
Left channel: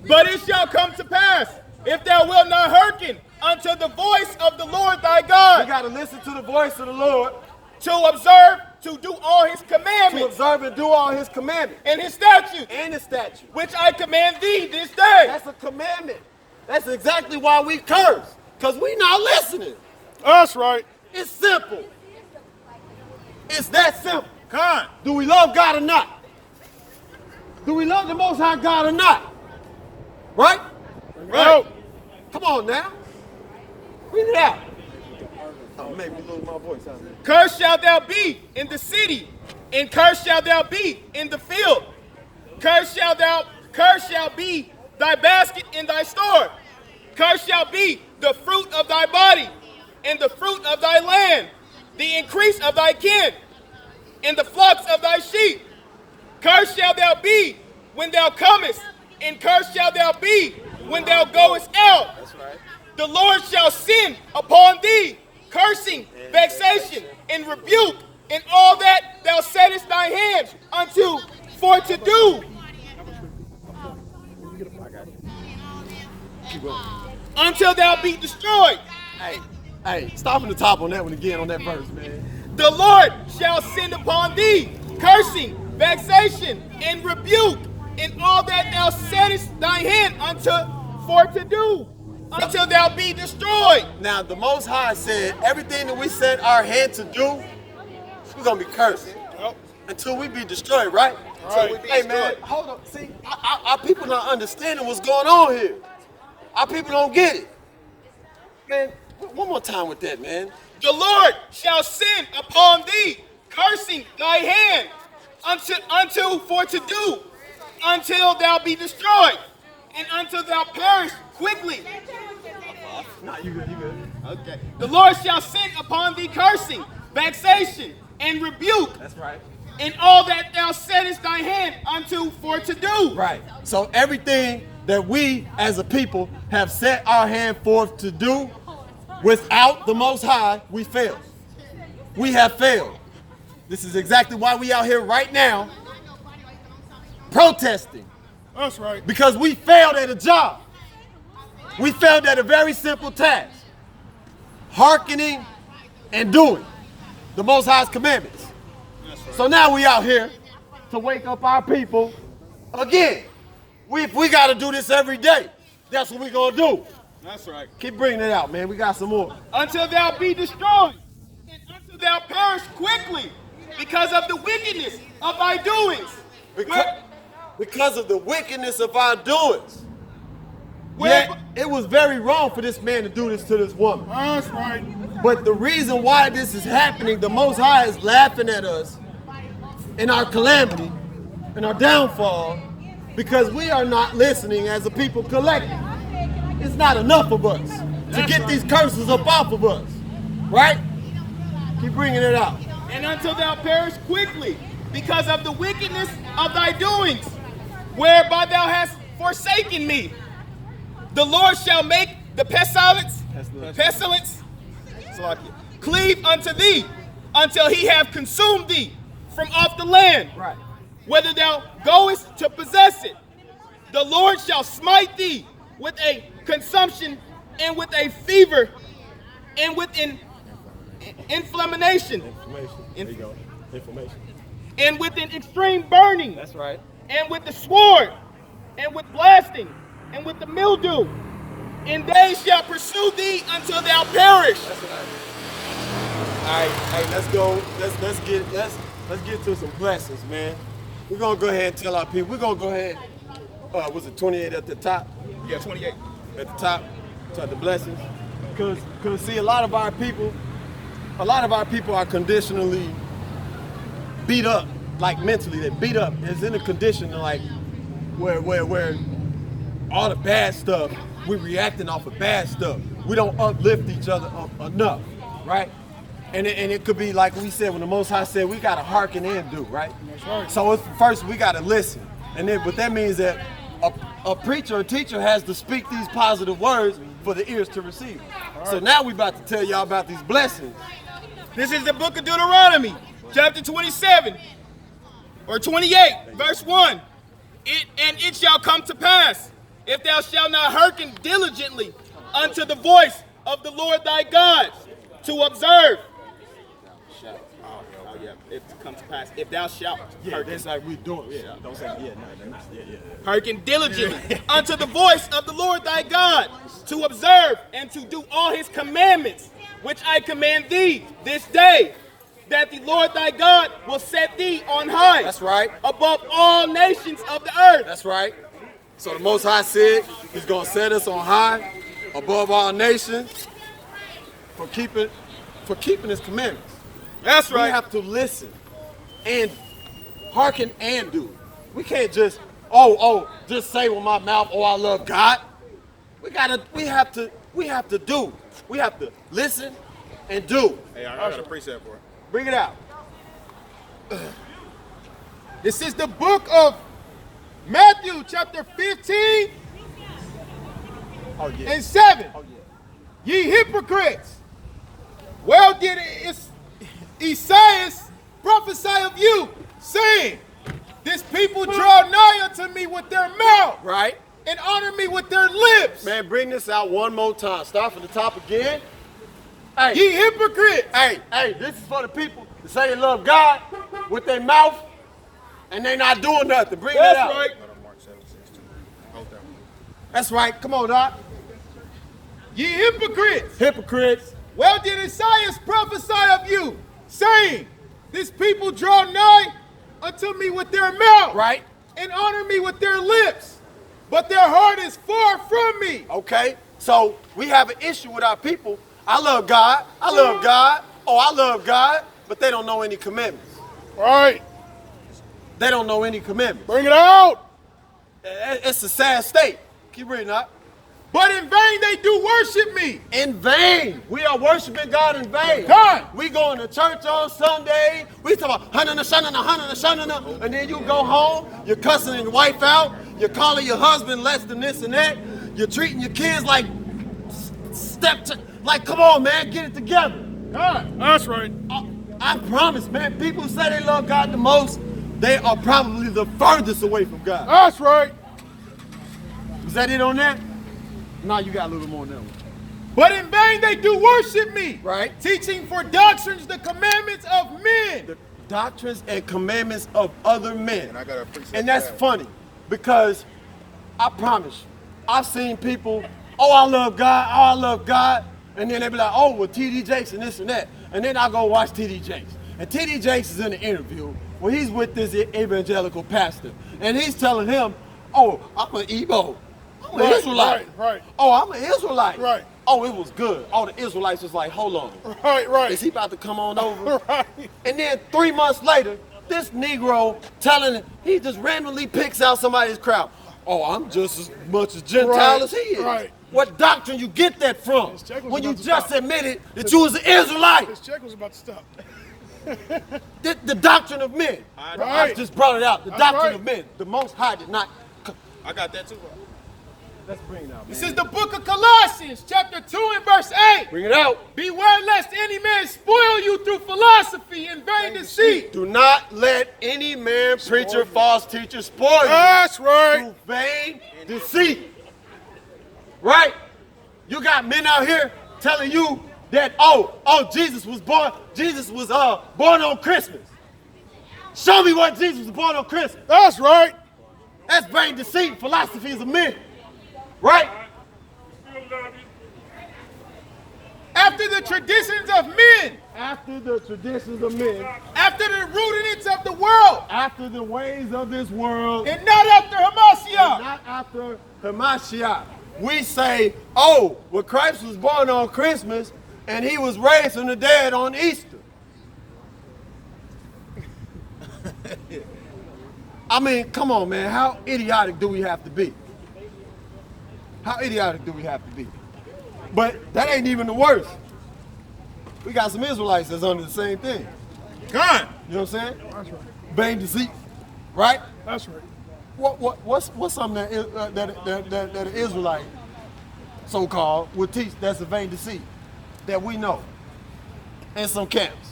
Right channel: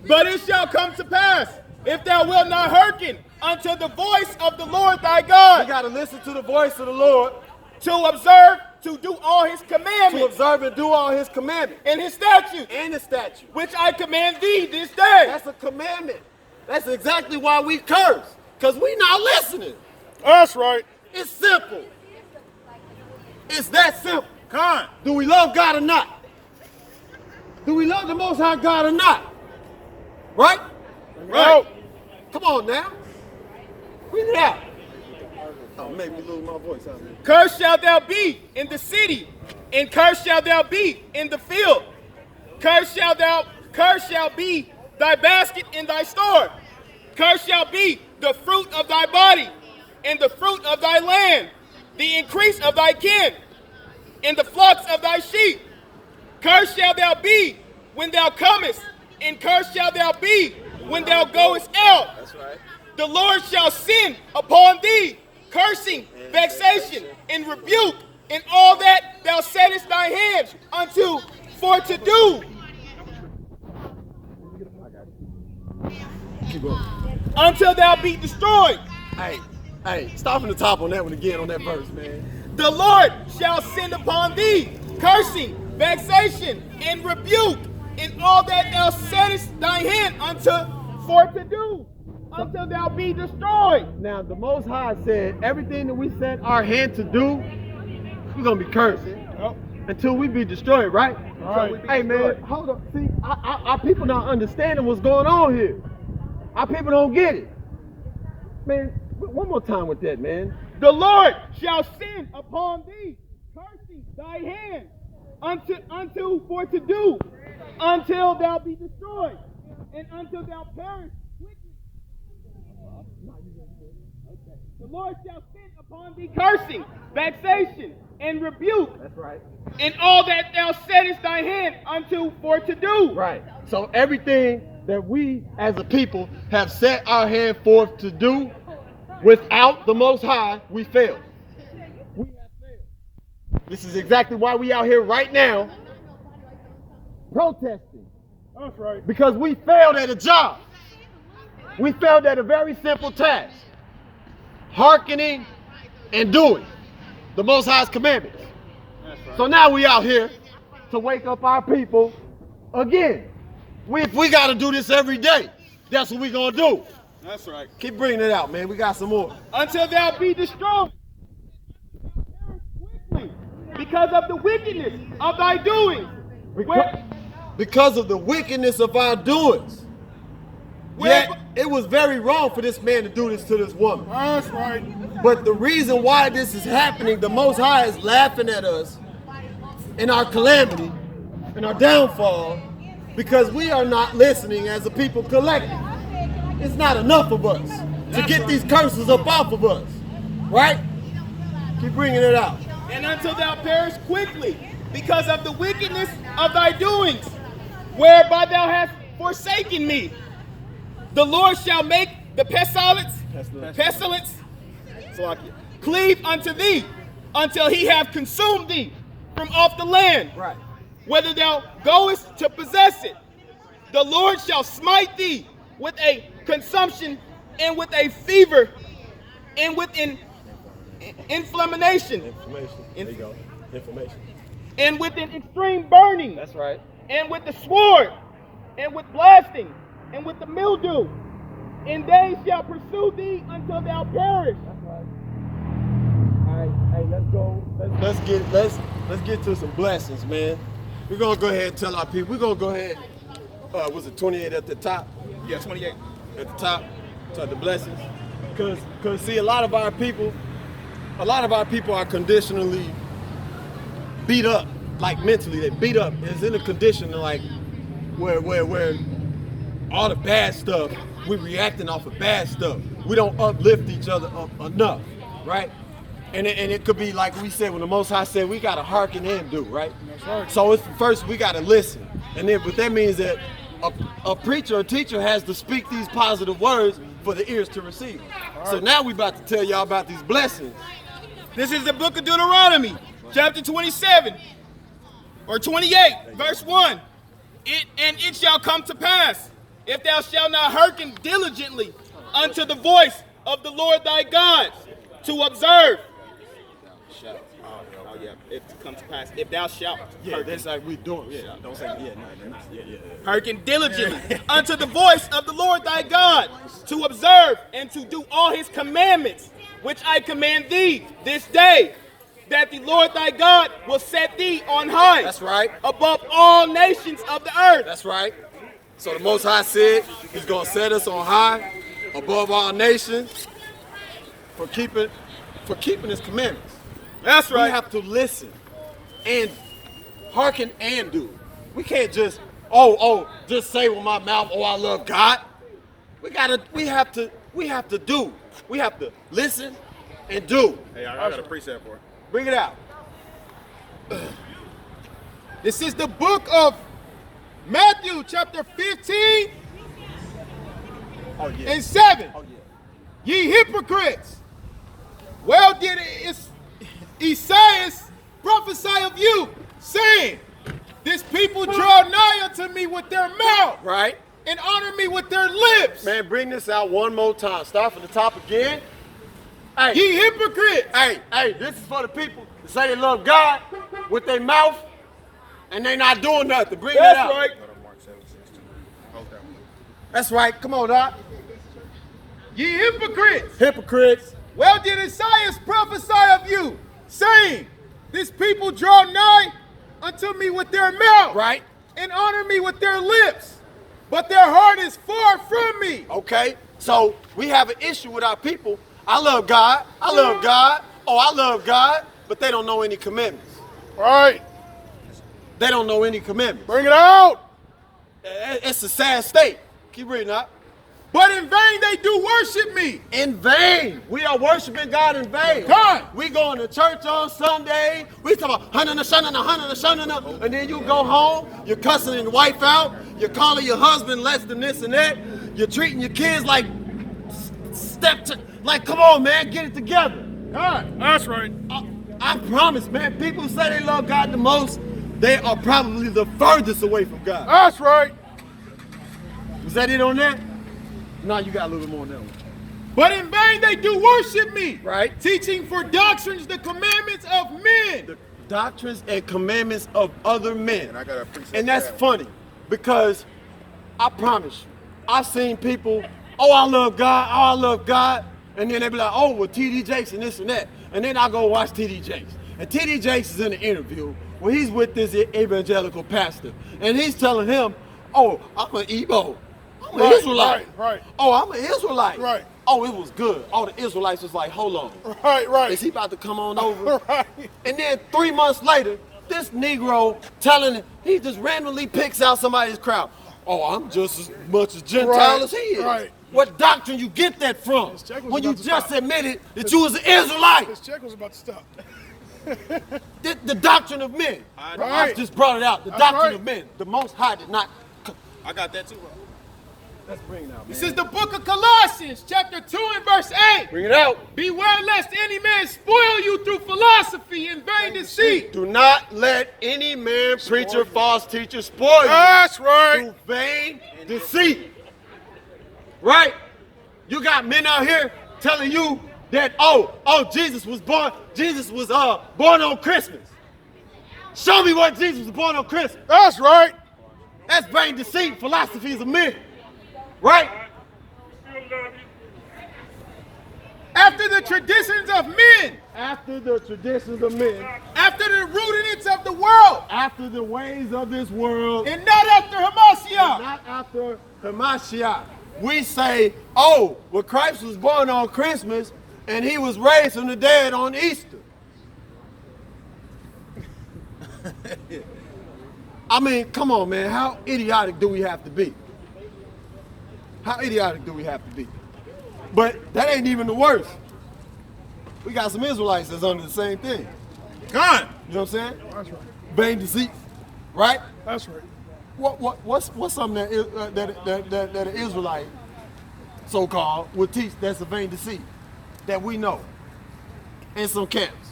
But it shall come to pass, if thou wilt not hearken unto the voice of the Lord thy We God, got to listen to the voice of the Lord, to observe, to do all his to commandments observe and do all his commandments and his statutes, and his statutes. which I command thee this day. That's a commandment. That's exactly why we curse, because we not listening. That's right. It's simple. It's that simple. Con. Do we love God or not? Do we love the Most High God or not? Right? Right. Come on now. Read it out. Oh, maybe lose my voice out there. Cursed shalt thou be in the city, and cursed shalt thou be in the field. Cursed shall be thy basket in thy store. Cursed shall be the fruit of thy body, and the fruit of thy land, the increase of thy kin, and the flocks of thy sheep. Cursed shalt thou be when thou comest, and cursed shalt thou be when thou goest out. The Lord shall send upon thee cursing, vexation, and rebuke in all that thou settest thy hands unto for to do. Until thou be destroyed. Hey, stop from the top on that one again on that verse, man. The Lord shall send upon thee cursing, vexation, and rebuke in all that thou settest thy hand unto for to do, until thou be destroyed. Now, the Most High said everything that we set our hand to do, we're going to be cursed until we be destroyed, right? Until we be Hey, destroyed. man, hold up. See, our people not understanding what's going on here. Our people don't get it. Man, one more time with that, man. The Lord shall send upon thee cursing thy hand unto for to do, until thou be destroyed, and until thou perish quickly. Nah, you good. Okay. The Lord shall send upon thee cursing, vexation, and rebuke. That's right. In all that thou settest thy hand unto for to do. Right. So everything that we as a people have set our hand forth to do, without the Most High, we fail. We have failed. This is exactly why we out here right now protesting. That's right. Because we failed at a job. We failed at a very simple task. Hearkening and doing the Most High's commandments. So now we out here to wake up our people again. If we got to do this every day, that's what we going to do. That's right. Keep bringing it out, man. We got some more. Until thou be destroyed, and until thou perish quickly, because of the wickedness of thy doings. Because of the wickedness of our doings. Where- Yeah, it was very wrong for this man to do this to this woman. That's right. But the reason why this is happening, the Most High is laughing at us in our calamity, in our downfall, because we are not listening as a people collectively. It's not enough of us to get these curses up off of us, right? Keep bringing it out. And until thou perish quickly, because of the wickedness of thy doings, whereby thou hast forsaken me. The Lord shall make the pestilence cleave unto thee, until he have consumed thee from off the land. Right. Whether thou goest to possess it, the Lord shall smite thee with a consumption, and with a fever, and with an inflammation. There you go. Information. And with an extreme burning. That's right. And with the sword, and with blasting, and with the mildew. And they shall pursue thee until thou perish. That's right. All right, hey, let's go. Let's get to some blessings, man. We're gonna go ahead and tell our people. We're gonna go ahead was it 28 at the top? Yeah, 28. At the top, to the blessings. Cause see, a lot of our people are conditionally beat up, like mentally, they beat up. It's in a condition like where all the bad stuff, we reacting off of bad stuff. We don't uplift each other enough, right? And it could be like we said, when the Most High said, we gotta hearken and do, right? That's right. So it's first we gotta listen. And then what that means that a preacher, a teacher has to speak these positive words for the ears to receive. So now we about to tell y'all about these blessings. This is the book of Deuteronomy, chapter 27, or 28, verse 1. It shall come to pass, if thou shalt not hearken diligently unto the voice of the Lord thy God, to observe. It comes to pass, if thou shalt hearken. That's like we doing. Yeah, don't say yeah. Hearken diligently unto the voice of the Lord thy God, to observe and to do all his commandments, which I command thee this day, that the Lord thy God will set thee on high. That's right. Above all nations of the earth. That's right. So the Most High said he's gonna set us on high, above all nations, for keeping his commandments. That's We have to listen and hearken and do. We can't just just say with my mouth, oh, I love God. We have to do. We have to listen and do. Hey, I got a precept for it. Bring it out. This is the book of Matthew, chapter 15 and 7. Ye hypocrites, well did Isaiah prophesy of you, saying, this people draw nigh unto me with their mouth, Right? and honor me with their lips. Man, bring this out one more time. Start from the top again. Hey, Ye hypocrites. hey, this is for the people that say they love God with their mouth and they not doing nothing. Bring that out. right. That's right. Come on, Doc. Ye hypocrites, Hypocrites. well did Isaiah prophesy of you, saying, this people draw nigh unto me with their mouth, Right. and honor me with their lips, but their heart is far from me. Okay. So we have an issue with our people. I love God. I love God. Oh, I love God. But they don't know any commandments. All right, They don't know any commandments. bring it out. It's a sad state. Keep reading up. But in vain they do worship me. In vain. We are worshiping God in vain. God. We going to church on Sunday. We talking about and then you go home, you're cussing your wife out, you're calling your husband less than this and that, you're treating your kids like like, come on, man, get it together. God. That's right. I promise, man, people who say they love God the most, they are probably the furthest away from God. That's right. Is that it on that? No, you got a little more on that one. But in vain they do worship me. Right. Teaching for doctrines the commandments of men. The doctrines and commandments of other men. And I got a precept And that's for that. funny because I promise, I've seen people, oh, I love God, and then they be like, oh, well, T.D. Jakes and this and that. And then I go watch T.D. Jakes. And T.D. Jakes is in an interview where he's with this evangelical pastor. And he's telling him, oh, I'm an Igbo. I'm an Right, Israelite. right. Oh, I'm an Israelite. Right. Oh, it was good. All the Israelites was like, hold on. Right. Is he about to come on over? Right. And then 3 months later, this Negro he just randomly picks out somebody's crowd. Oh, I'm just as much a Gentile Right, as he is. right. What doctrine you get that from? check was When you about to just stop. admitted that you was an Israelite. This check was about to stop. The doctrine of men. I Right. just brought it out. The That's doctrine right. of men. The Most High did not. I got that too. Let's bring it out, This is the book of Colossians, chapter 2 and verse 8. Bring it out. Beware lest any man spoil you through philosophy and vain deceit. Do not let any man, preacher, false teacher spoil you. That's right. Through vain deceit. Right? You got men out here telling you that Jesus was born on Christmas. Show me where Jesus was born on Christmas. That's right. That's vain deceit, philosophies of men. Right? After the traditions of men. After the traditions of men. After the rudiments of the world, after the ways of this world, and not after Hamashiach. not after the Mashiach. We say, oh, well, Christ was born on Christmas and he was raised from the dead on Easter. I mean, come on, man. How idiotic do we have to be? How idiotic do we have to be? But that ain't even the worst. We got some Israelites that's under the same thing. God. You know what I'm saying? That's right. Vain deceit, right? That's right. What's something that an Israelite, so-called, would teach that's a vain deceit that we know in some camps?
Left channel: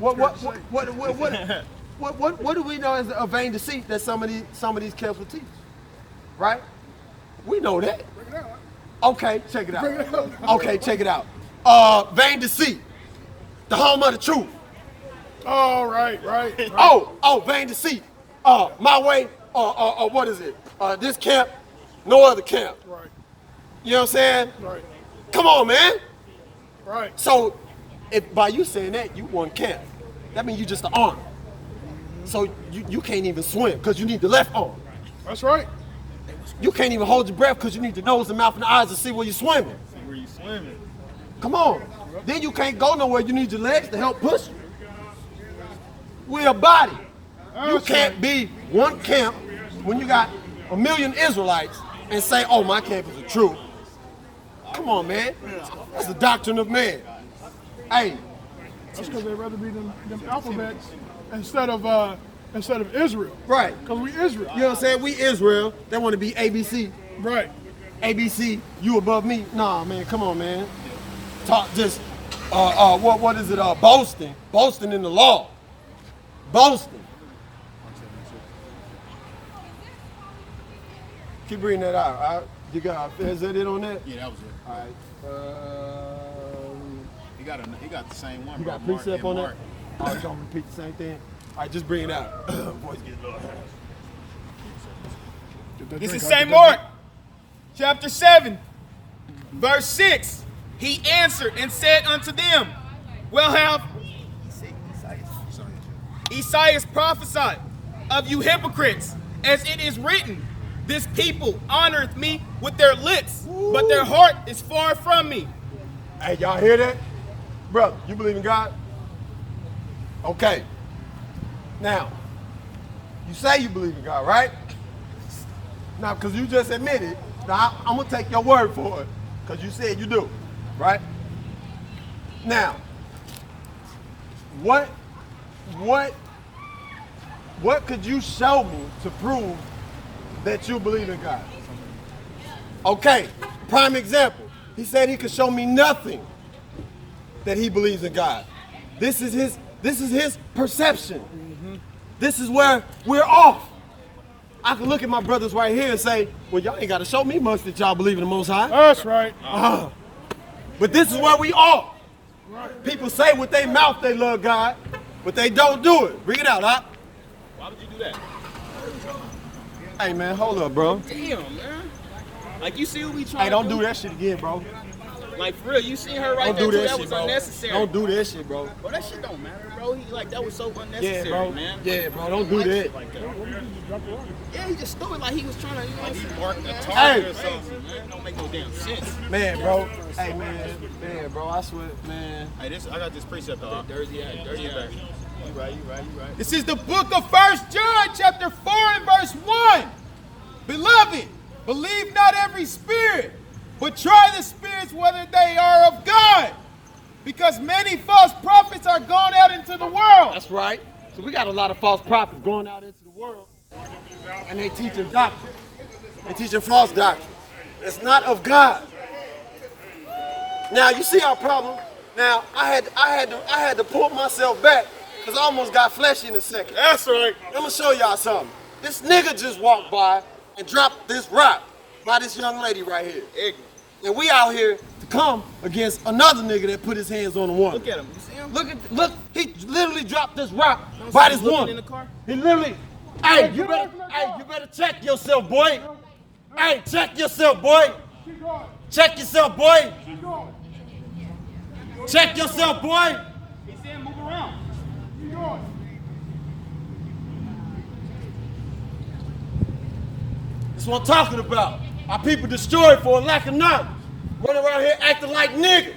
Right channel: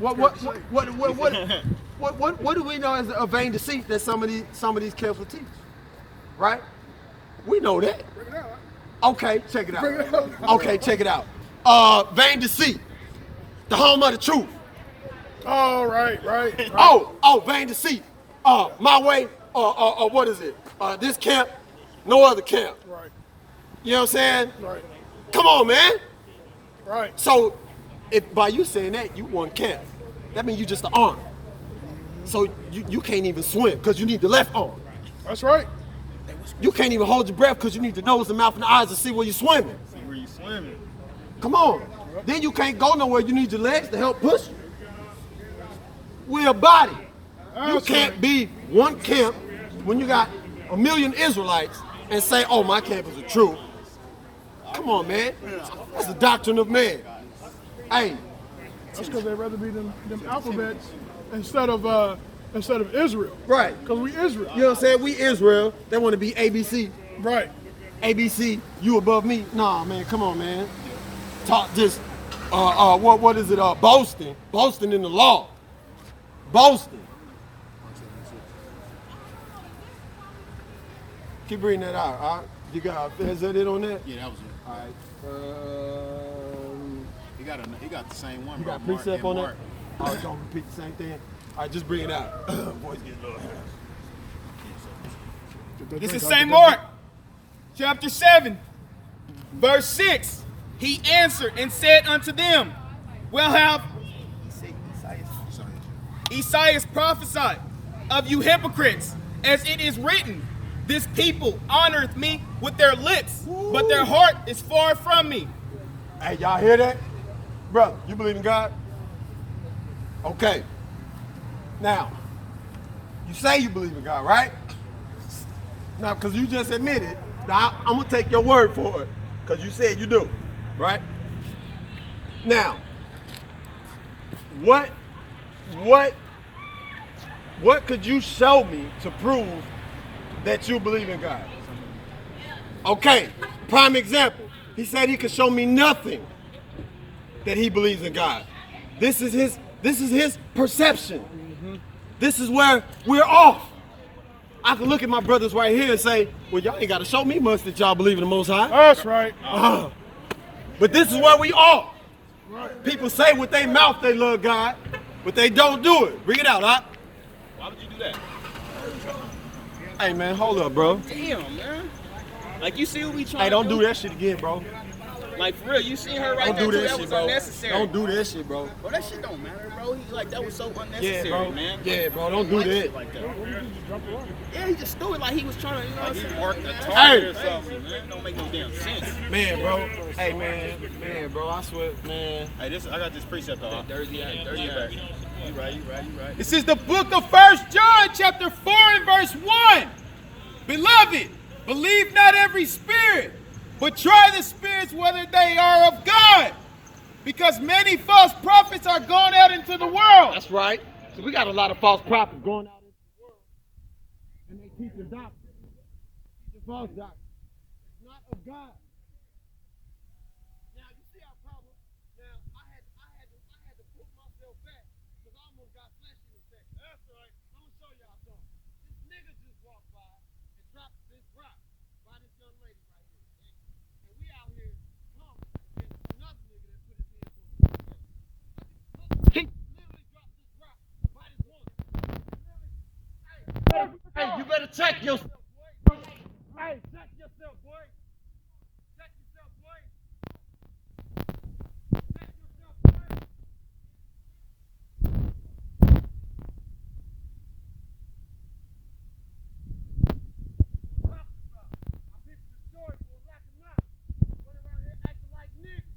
What do we know as a vain deceit that some of these camps will teach? Right? We know that. Okay, check it out. Okay, check it out. Vain deceit, the home of the truth. Oh, right. Oh, vain deceit. My way, or what is it? This camp, no other camp. Right. You know what I'm saying? Right. Come on, man. Right. So, if by you saying that, you one camp. That means you just an arm. So you can't even swim because you need the left arm. That's right. You can't even hold your breath because you need the nose, the mouth, and the eyes to see where you're swimming. Where you swimming? Come on. Then you can't go nowhere. You need your legs to help push you. We're a body. You can't be one camp when you got a million Israelites and say, oh, my camp is the truth. Come on, man. That's the doctrine of man. Hey. That's because they'd rather be them alphabets instead of Israel. Right. Because we Israel. You know what I'm saying? We Israel. They want to be ABC. Right. ABC, you above me. Nah, man, come on, man. Talk this, what is it, boasting. Boasting in the law. Boasting. Keep reading that out, all right? You got, is that it on that? Yeah, that was it. All right. He got the same one, You bro. got precept on Mark. that? All right, don't repeat the same thing. All right, just bring it out. Voice getting low. This is St. Mark, chapter 7, verse 6. He answered and said unto them, well have Esaias prophesied of you hypocrites, as it is written, this people honoreth me with their lips, but their heart is far from me. Hey, y'all hear that? Brother, you believe in God? Okay. Now, you say you believe in God, right? Now, because you just admitted, now I'm going to take your word for it, because you said you do, right? Now, what could you show me to prove that you believe in God? Okay, prime example. He said he could show me nothing that he believes in God. This is his perception. Mm-hmm. This is where we're off. I can look at my brothers right here and say, well, y'all ain't got to show me much that y'all believe in the Most High. That's right. But this is where we are. People say with their mouth they love God, but they don't do it. Bring it out, huh? Why would you do that? Hey, man, hold up, bro. Damn, man. Like, you see what we trying Hey, don't do that shit again, bro. Like, for real, you see her right Don't there, do too? that That shit, was bro. unnecessary. Don't do that shit, bro. Bro, that shit don't matter, bro. He like, that was so unnecessary, Yeah, bro. man. Yeah, bro. Don't do that. Yeah, he just threw it like he was trying to, you know what I'm saying? Mark the Hey. target or something, man. It don't make no damn sense. Man, bro. Hey, man, bro. I swear, man. Hey, I got this precept though. Dirty ass. You right. This is the book of 1 John, chapter 4 and verse 1. Beloved, believe not every spirit, but try the spirits whether they are of God. Because many false prophets are gone out into the world. That's right. So we got a lot of false prophets going out into the world, and they teaching doctrine. They teaching false doctrine. It's not of God. Now you see our problem. Now I had to pull myself back because I almost got fleshy in a second. That's right. I'm gonna show y'all something. This nigga just walked by and dropped this rock by this young lady right here. And we out here to come against another nigga that put his hands on a woman. Look at him. You see him? Look, he literally dropped this rock by this looking woman. in the car? He literally, hey, you better check yourself, boy. Hey, check yourself, boy. Check yourself, boy. Check yourself, boy. He said move around. That's what I'm talking about. Our people destroyed for a lack of knowledge. Running around here acting like niggas.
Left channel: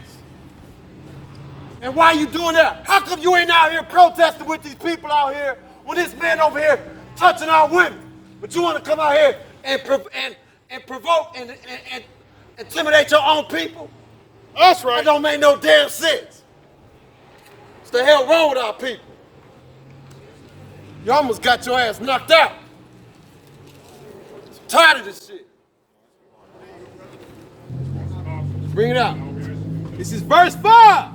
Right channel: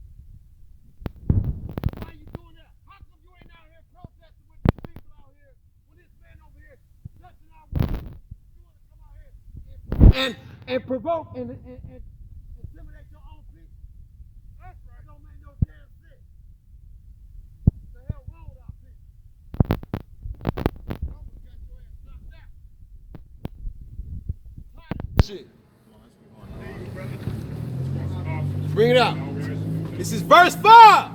And why you doing that? How come you ain't out here protesting with these people out here when this man over here touching our women? But you want to come out here and provoke and intimidate your own people? That's right. That don't make no damn sense. What's the hell wrong with our people? You almost got your ass knocked out. I'm tired of this shit. Bring it out. This is verse 5.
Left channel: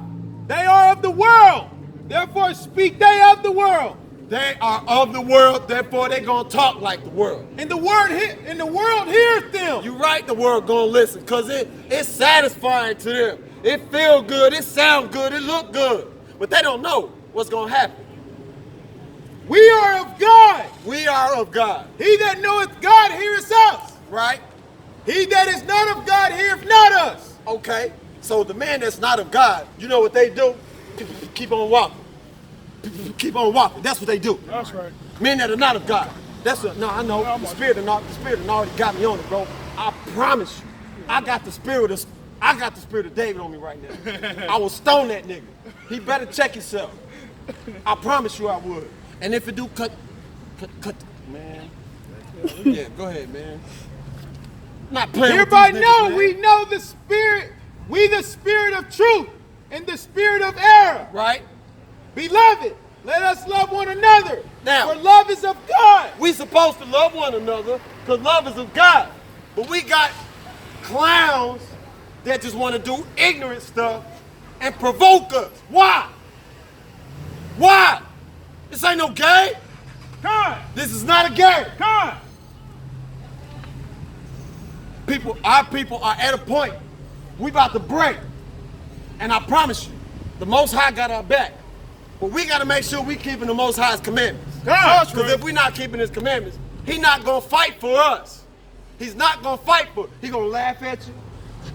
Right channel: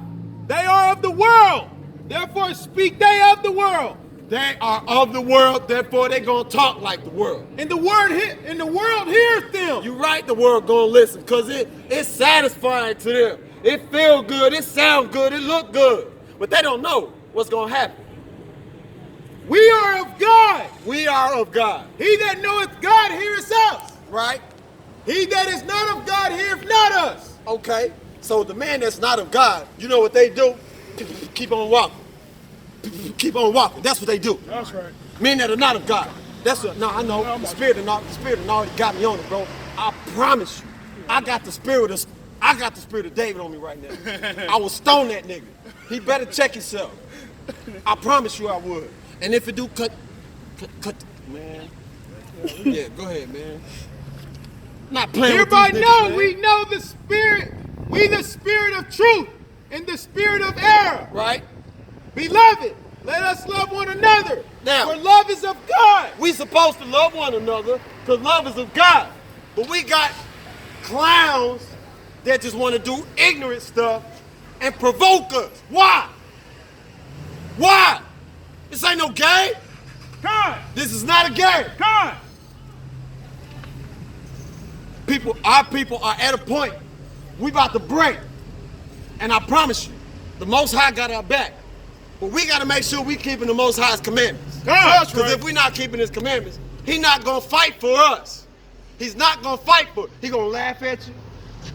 They are of the world, therefore speak they of the world. They are of the world, therefore they gonna talk like the world. And the world hears them. You right, the world gonna listen, because it's satisfying to them. It feel good, it sound good, it look good. But they don't know what's gonna happen. We are of God. We are of God. He that knoweth God heareth us. Right? He that is not of God heareth not us. Okay, so the man that's not of God, you know what they do? Keep on walking. Keep on walking. That's what they do. That's right. Men that are not of God. That's what. No, I know. The spirit of already got me on it, bro. I promise you, I got the spirit of David on me right now. I will stone that nigga. He better check himself. I promise you, I would. And if it do, cut, man. Yeah, go ahead, man. Not playing. Hereby with these know niggas, man. we know the spirit, we the spirit of truth and the spirit of error. Right? Beloved, let us love one another. Now- for love is of God. We supposed to love one another because love is of God. But we got clowns that just want to do ignorant stuff and provoke us. Why? Why? This ain't no game. God, This is not a game. God. Our people are at a point. We about to break. And I promise you, the Most High got our back. But we got to make sure we keeping the Most High's commandments. Because if we're not keeping his commandments, he's not going to fight for us. He's not going to fight for us. He's going to laugh at you.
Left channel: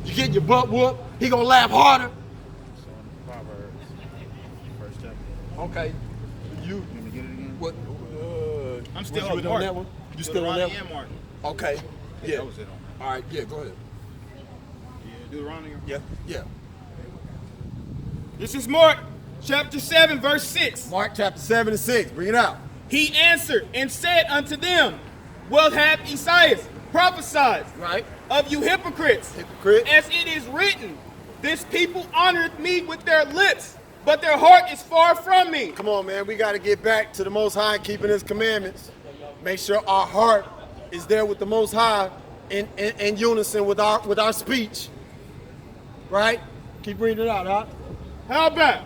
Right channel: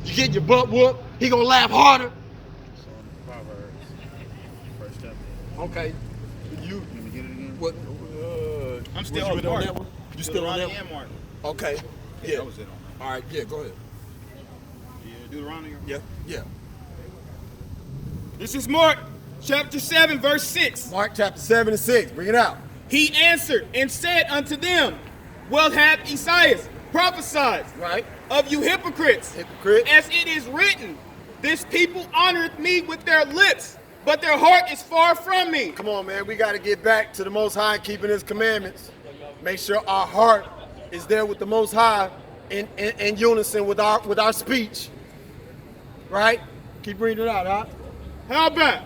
You get your butt whooped. He's going to laugh harder. First chapter. Okay. You, Can we get it again? what, I'm still what you on with Mark. that one? You still on that Deuteronomy one? and Mark. Okay. Yeah. That was it on. All right. Yeah, go ahead. Yeah, Deuteronomy. Yeah. Yeah. This is Mark chapter 7, verse 6. Mark chapter 7 and 6. Bring it out. He answered and said unto them, well hath Isaiah prophesied Right. of you hypocrites, Hypocrite. as it is written, this people honoreth me with their lips, but their heart is far from me. Come on, man. We got to get back to the Most High and keeping his commandments. Make sure our heart is there with the Most High in unison with our speech. Right? Keep reading it out, huh? How about?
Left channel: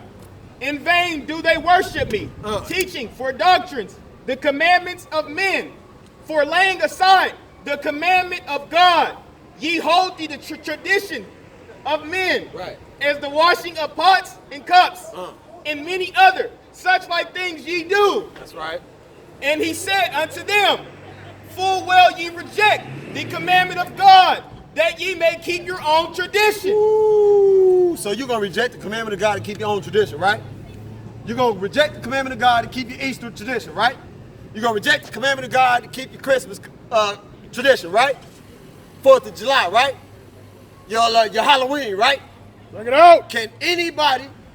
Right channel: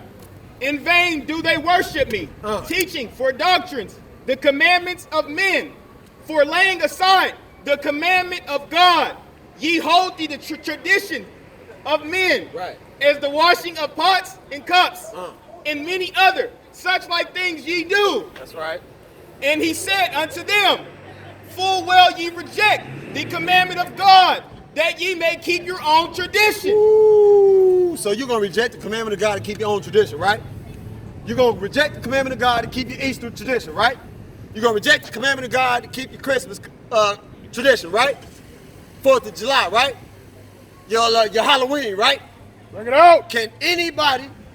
In vain do they worship me, teaching for doctrines the commandments of men, for laying aside the commandment of God. Ye hold the tradition of men, Right. as the washing of pots and cups, and many other such like things ye do. That's right. And he said unto them, full well ye reject the commandment of God, that ye may keep your own tradition. Ooh, so you're going to reject the commandment of God to keep your own tradition, right? You're going to reject the commandment of God to keep your Easter tradition, right? You're going to reject the commandment of God to keep your Christmas tradition, right? 4th of July, right? Your Halloween, right? Bring it out. Can anybody